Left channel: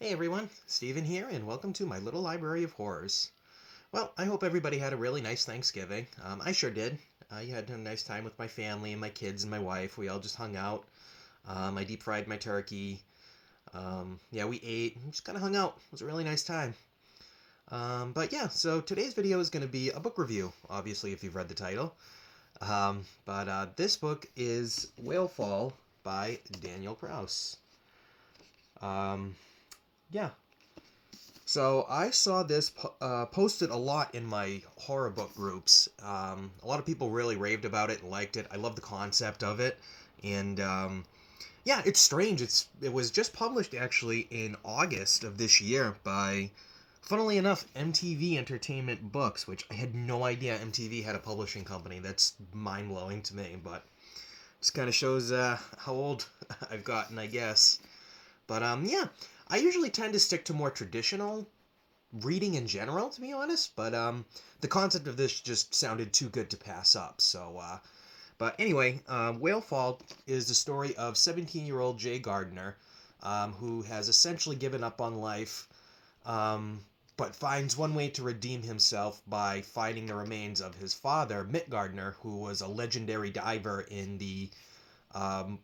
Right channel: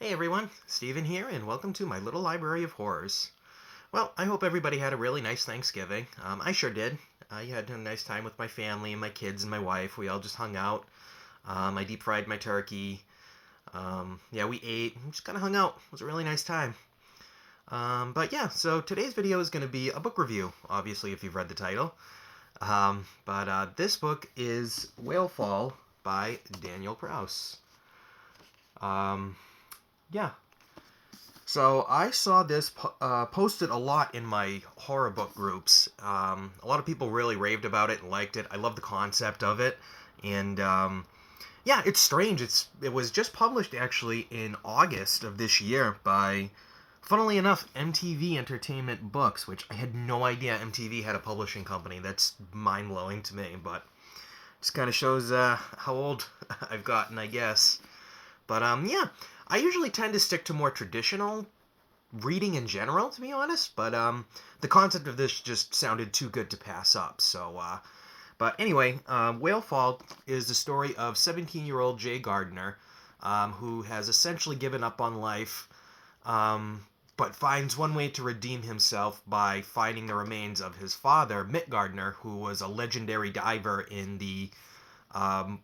Hey everyone, Steven here, and welcome to my little library of horrors. Well, I hope everybody had a really nice Thanksgiving. I sure did. I had a nice time with my family and my kids and my wife. We all just hung out. I deep fried my turkey. Yeah, we ate and just kind of hung out. It was a really nice time. But yeah, so today's video is going to be a book review, obviously, if you've read the title. But this book is Whalefall by Daniel Kraus. Um, yeah, So I saw this posted a lot in my horror book groups. A lot of people really raved about it and liked it. I love the concept of it, and yeah, it's strange. It was just published actually in August of this year by, funnily enough, MTV Entertainment Books, which I had no idea MTV had a publishing company. That's mind blowing to me, but just kind of shows how old I've gotten, I guess. But yeah, I usually tend to stick to more traditional reading in general, to be honest. But the concept of this just sounded too good to pass up. But anyway, Whalefall is the story of 17-year-old Jay Gardner, who has essentially given up on life, um, but finds one way to redeem himself by finding the remains of his father, Mick Gardner, who was a legendary diver in the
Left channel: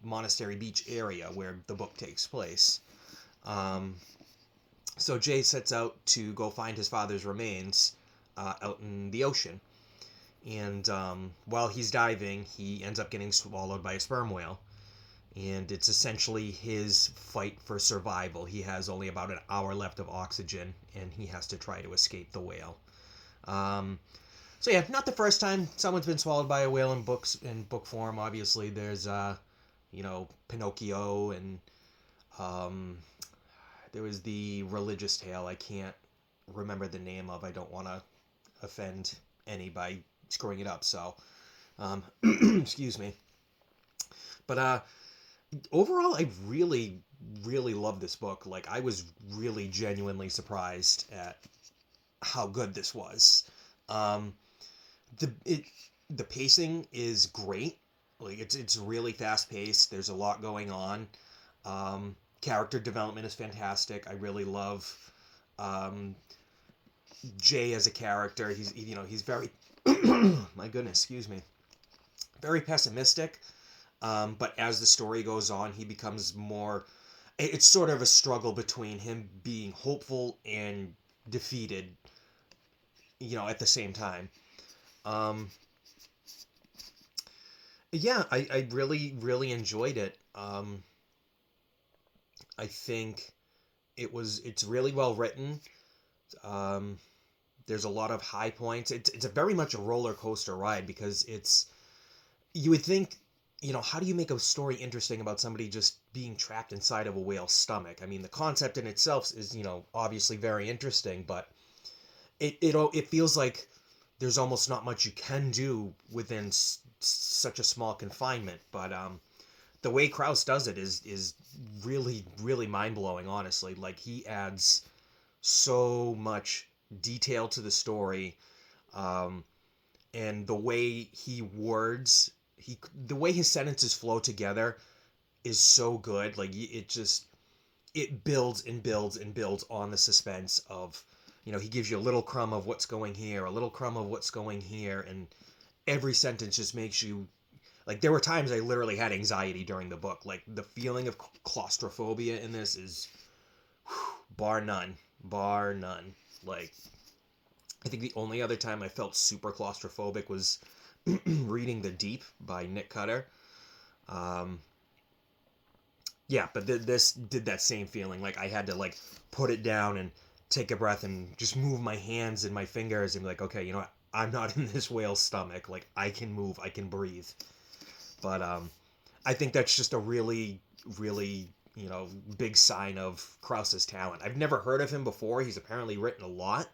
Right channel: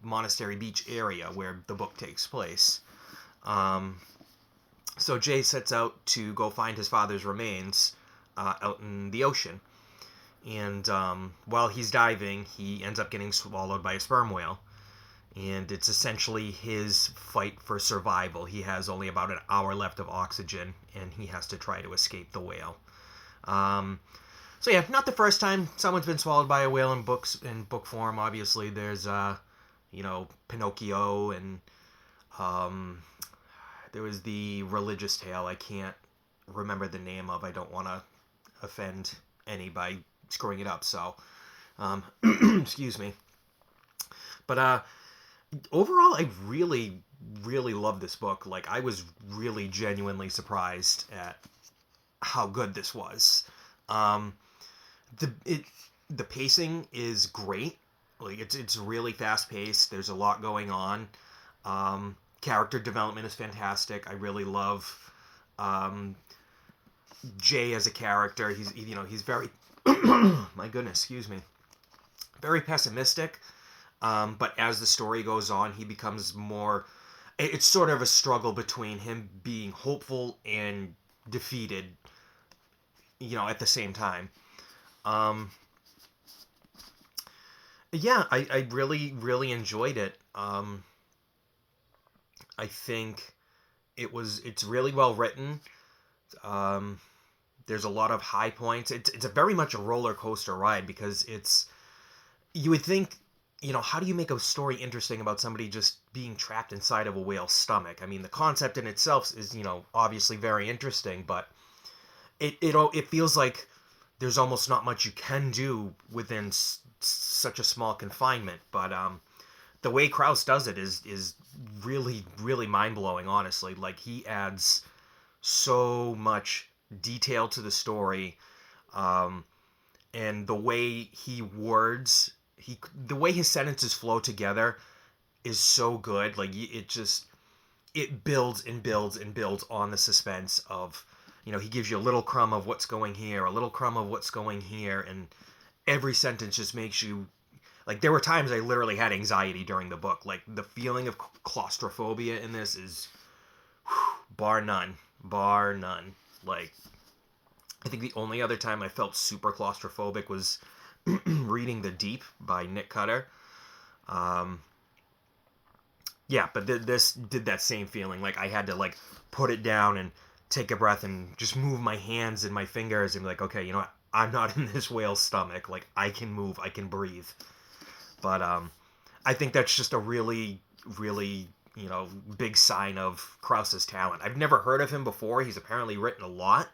Monastery Beach area where the book takes place. Um, so Jay sets out to go find his father's remains out in the ocean. And while he's diving, he ends up getting swallowed by a sperm whale. And it's essentially his fight for survival. He has only about an hour left of oxygen, and he has to try to escape the whale. Um, so yeah, not the first time someone's been swallowed by a whale in book form. Obviously, there's Pinocchio, and um, there was the religious tale I can't remember the name of. I don't want to offend any by screwing it up. So, excuse me. But overall, I really, really love this book. Like, I was really genuinely surprised at how good this was. Um, the it the pacing is great. Like, it's really fast paced. There's a lot going on. Character development is fantastic. I really love um, Jay as a character. He's very my goodness, excuse me, very pessimistic. But as the story goes on, he becomes more. It's sort of a struggle between him being hopeful and defeated. At the same time. Um, yeah, I really really enjoyed it. I think it's really well written. Um, there's a lot of high points. It's a very much a roller coaster ride because you would think, how do you make a story interesting about somebody just being trapped inside of a whale's stomach? I mean, the concept in itself is, obviously very interesting, but it feels like there's almost not much you can do within such a small confinement. But the way Kraus does it is really really mind blowing. Honestly, like he adds so much detail to the story, um, and the way his sentences flow together is so good. Like it builds and builds and builds on the suspense of, he gives you a little crumb of what's going here, a little crumb of what's going here, and every sentence just makes you, like, there were times I literally had anxiety during the book. Like, the feeling of claustrophobia in this is bar none, bar none. Like, I think the only other time I felt super claustrophobic was reading The Deep by Nick Cutter. Um, yeah, but this did that same feeling. Like I had to like put it down and take a breath and just move my hands and my fingers and be like, okay, I'm not in this whale's stomach. Like I can move, I can breathe. But I think that's just a really, really big sign of Kraus's talent. I've never heard of him before. He's apparently written a lot,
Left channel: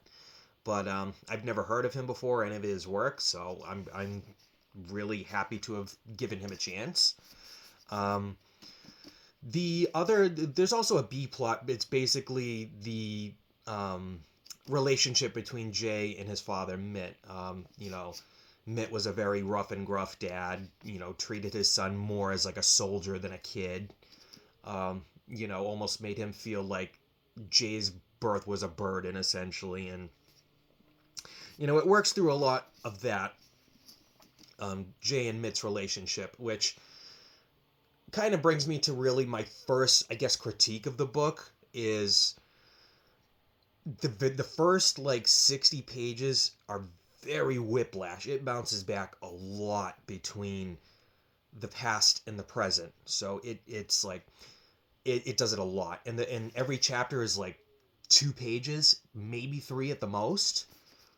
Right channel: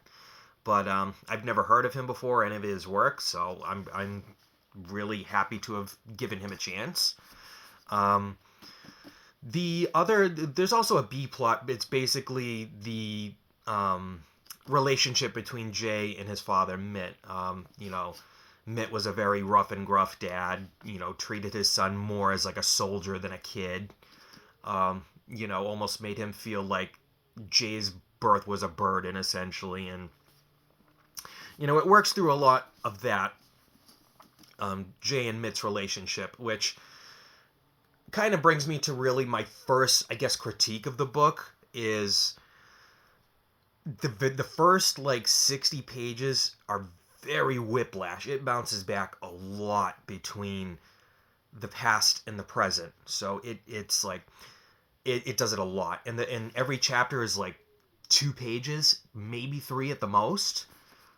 but I've never heard of him before, any of his work. So I'm really happy to have given him a chance. Um, there's also a B plot. It's basically the um, relationship between Jay and his father, Mitt. Mitt was a very rough and gruff dad. Treated his son more as like a soldier than a kid. Almost made him feel like Jay's birth was a burden, essentially. And, it works through a lot of that, Jay and Mitt's relationship, which kind of brings me to really my first, I guess, critique of the book is the first, 60 pages are very whiplash. It bounces back a lot between the past and the present. So it's like it does it a lot. And every chapter is 2 pages, maybe 3 at the most.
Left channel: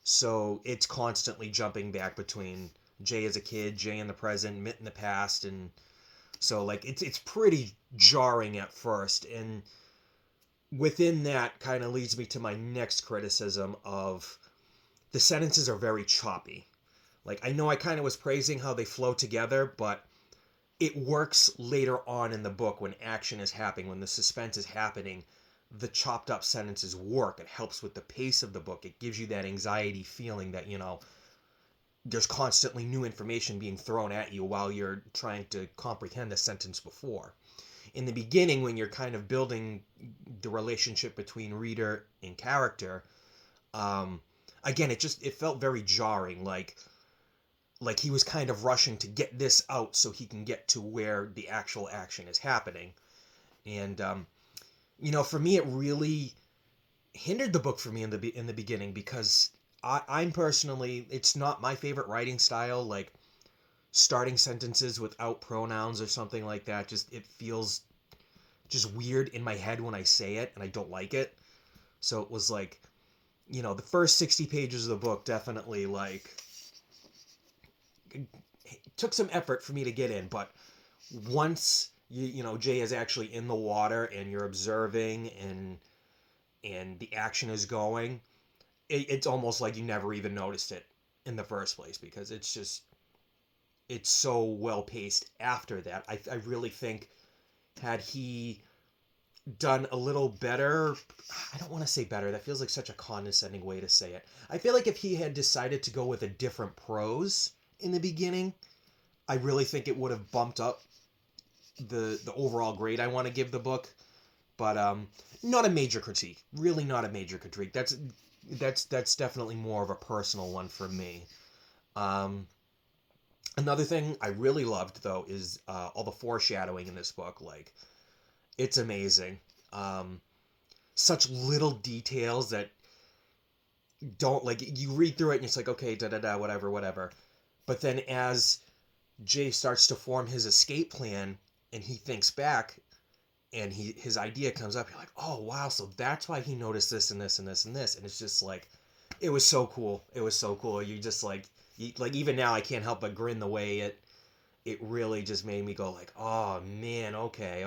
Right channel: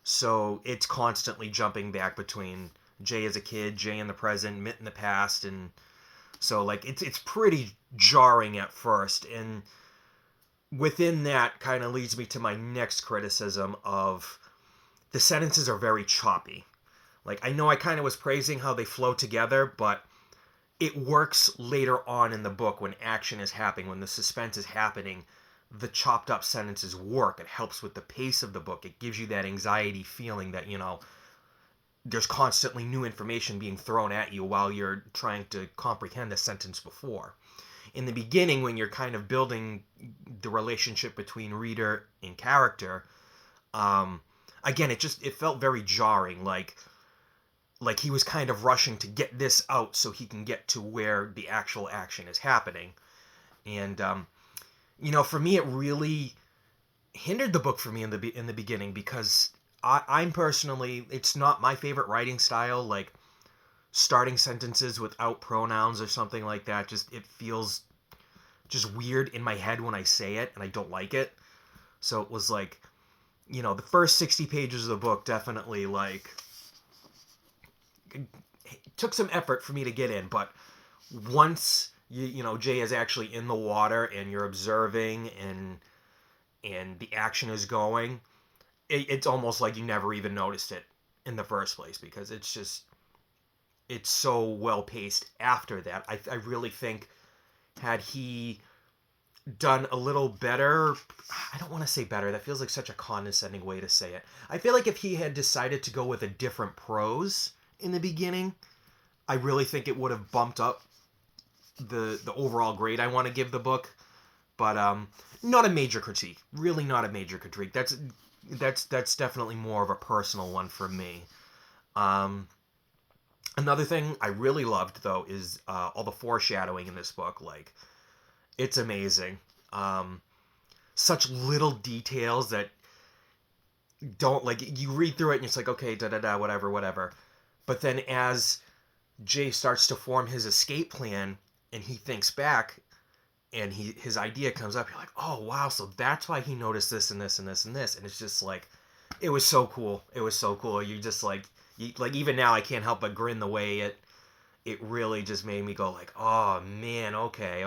So it's constantly jumping back between Jay as a kid, Jay in the present, Mitt in the past, and so it's pretty jarring at first. And within that kind of leads me to my next criticism of the sentences are very choppy. I know I kind of was praising how they flow together, but it works later on in the book when action is happening, when the suspense is happening. The chopped up sentences work. It helps with the pace of the book. It gives you that anxiety feeling that, there's constantly new information being thrown at you while you're trying to comprehend the sentence before. In the beginning, when you're kind of building the relationship between reader and character, again, it felt very jarring, like he was kind of rushing to get this out so he can get to where the actual action is happening. And for me, it really hindered the book for me in the beginning, because I'm personally, it's not my favorite writing style. Starting sentences without pronouns or something like that, it feels just weird in my head when I say it, and I don't like it. So it was the first 60 pages of the book definitely it took some effort for me to get in. But once Jay is actually in the water and you're observing and the action is going, it's almost like you never even noticed it in the first place, because it's so well paced after that. I really think, had he done a little better, I don't want to say better, that feels like such a condescending way to say it. I feel like if he had decided to go with a different prose in the beginning, I really think it would have bumped up the overall grade I want to give the book. But not a major critique. Really not a major critique. That's definitely more of a personal one for me. Another thing I really loved, though, is all the foreshadowing in this book. It's amazing. Such little details that don't, you read through it and it's like, okay, da-da-da, whatever, whatever. But then as Jay starts to form his escape plan and he thinks back and his idea comes up, you're like, oh, wow, so that's why he noticed this and this and this and this. And it's just it was so cool. It was so cool. You just even now I can't help but grin the way it really just made me go oh man, okay.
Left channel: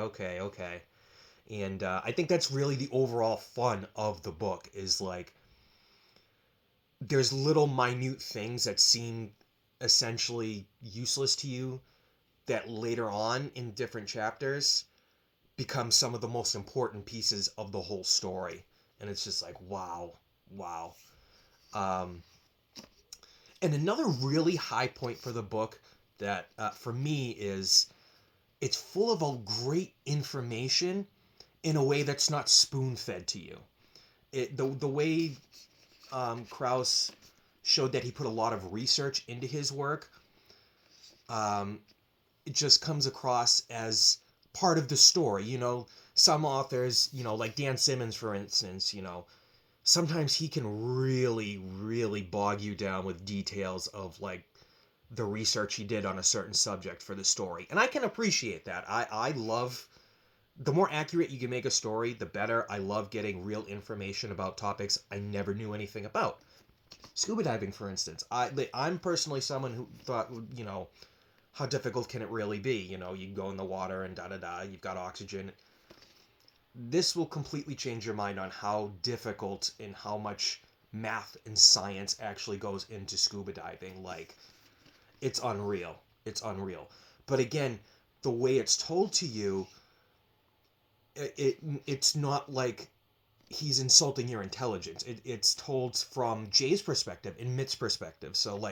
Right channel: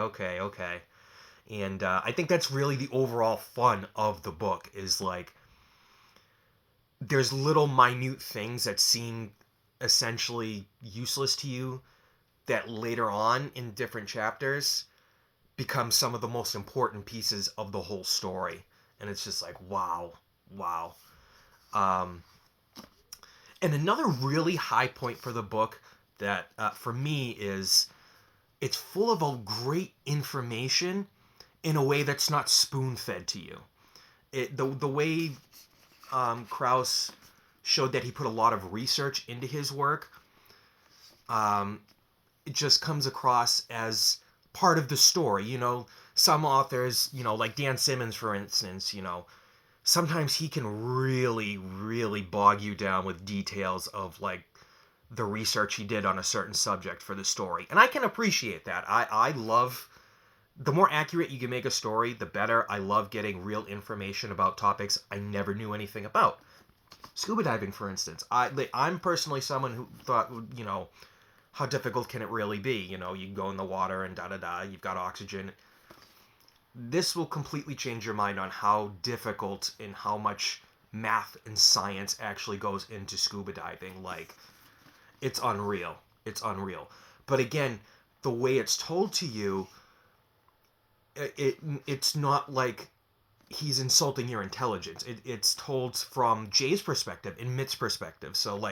And I think that's really the overall fun of the book, is there's little minute things that seem essentially useless to you that later on in different chapters become some of the most important pieces of the whole story. And it's just wow. And another really high point for the book that for me is it's full of a great information in a way that's not spoon-fed to you. The way Kraus showed that he put a lot of research into his work, it just comes across as part of the story. Some authors, like Dan Simmons, for instance, sometimes he can really, really bog you down with details of the research he did on a certain subject for the story. And I can appreciate that. I love, the more accurate you can make a story, the better. I love getting real information about topics I never knew anything about. Scuba diving, for instance. I'm personally someone who thought, how difficult can it really be? You can go in the water and da-da-da, you've got oxygen. This will completely change your mind on how difficult and how much math and science actually goes into scuba diving. It's unreal. It's unreal. But again, the way it's told to you, it's not like he's insulting your intelligence. It's told from Jay's perspective and Mitt's perspective. So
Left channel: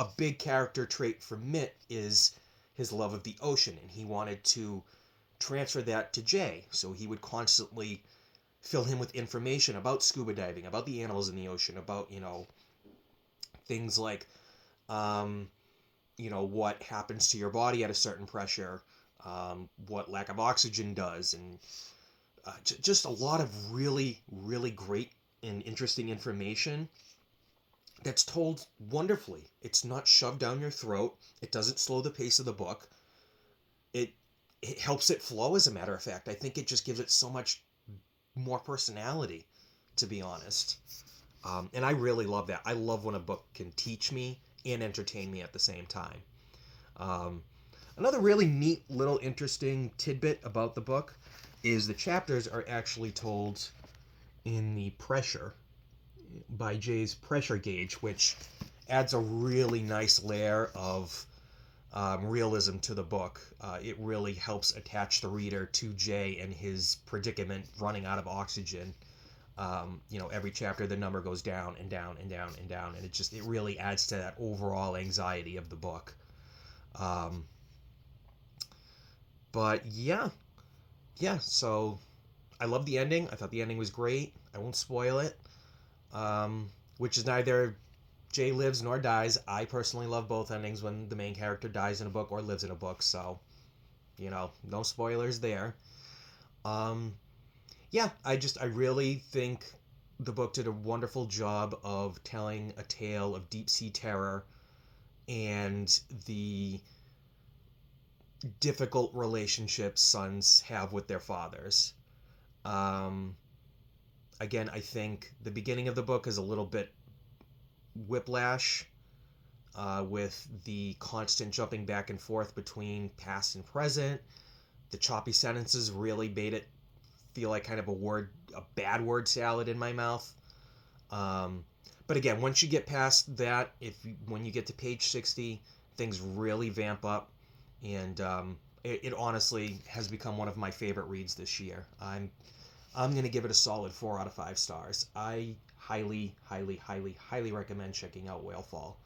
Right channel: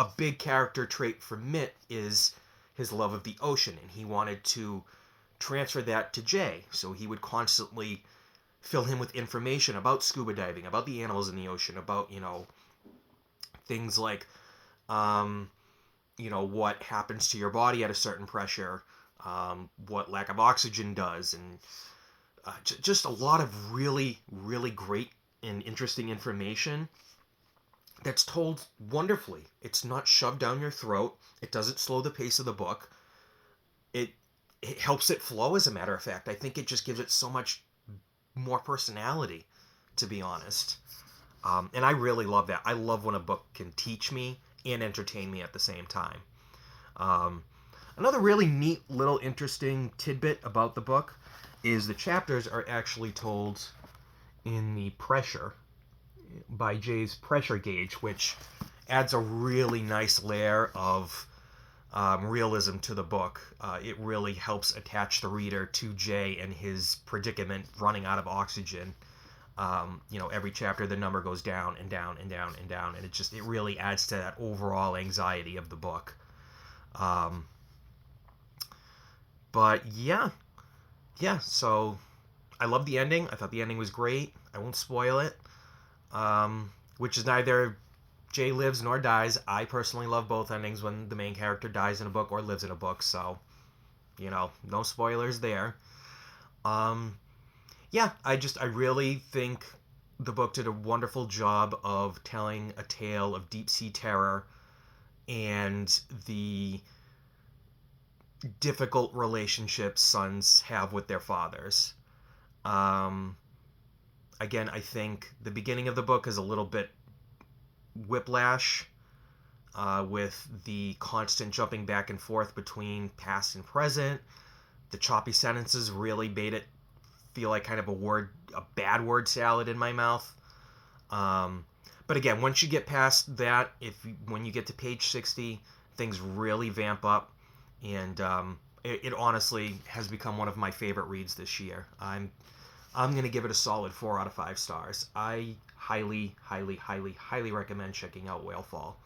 a big character trait for Mitt is his love of the ocean, and he wanted to transfer that to Jay. So he would constantly fill him with information about scuba diving, about the animals in the ocean, about, things like, what happens to your body at a certain pressure, what lack of oxygen does, and just a lot of really, really great and interesting information that's told wonderfully. It's not shoved down your throat. It doesn't slow the pace of the book. It it helps it flow, as a matter of fact. I think it just gives it so much more personality, to be honest. And I really love that. I love when a book can teach me and entertain me at the same time. Um, Another really neat little interesting tidbit about the book is the chapters are actually told in the pressure by Jay's pressure gauge, which adds a really nice layer of realism to the book. It really helps attach the reader to Jay and his predicament running out of oxygen. Every chapter the number goes down and down and down and down, and it really adds to that overall anxiety of the book. But yeah. So I love the ending. I thought the ending was great. I won't spoil it. Which is neither Jay lives nor dies. I personally love both endings when the main character dies in a book or lives in a book. So no spoilers there. Yeah, I really think the book did a wonderful job of telling a tale of deep sea terror and the difficult relationships sons have with their fathers. Um, Again, I think the beginning of the book is a little bit whiplash, with the constant jumping back and forth between past and present. The choppy sentences really made it feel like kind of a bad word salad in my mouth. But again, once you get past that, when you get to page 60, things really vamp up, and it honestly has become one of my favorite reads this year. I'm gonna give it a solid 4 out of 5 stars. I highly, highly, highly, highly recommend checking out Whalefall.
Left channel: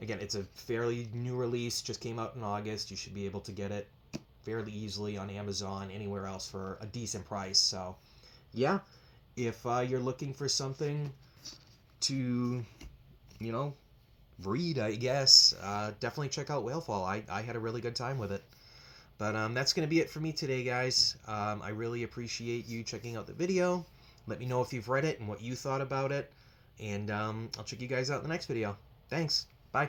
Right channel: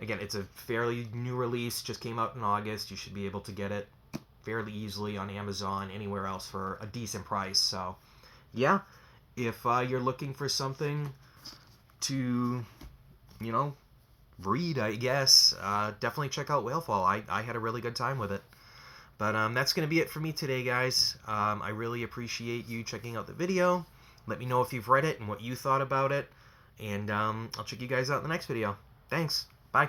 Again, it's a fairly new release, just came out in August. You should be able to get it fairly easily on Amazon, anywhere else for a decent price. So, yeah, if you're looking for something to, read, I guess, definitely check out Whalefall. I had a really good time with it. But that's going to be it for me today, guys. I really appreciate you checking out the video. Let me know if you've read it and what you thought about it. And I'll check you guys out in the next video. Thanks. Bye.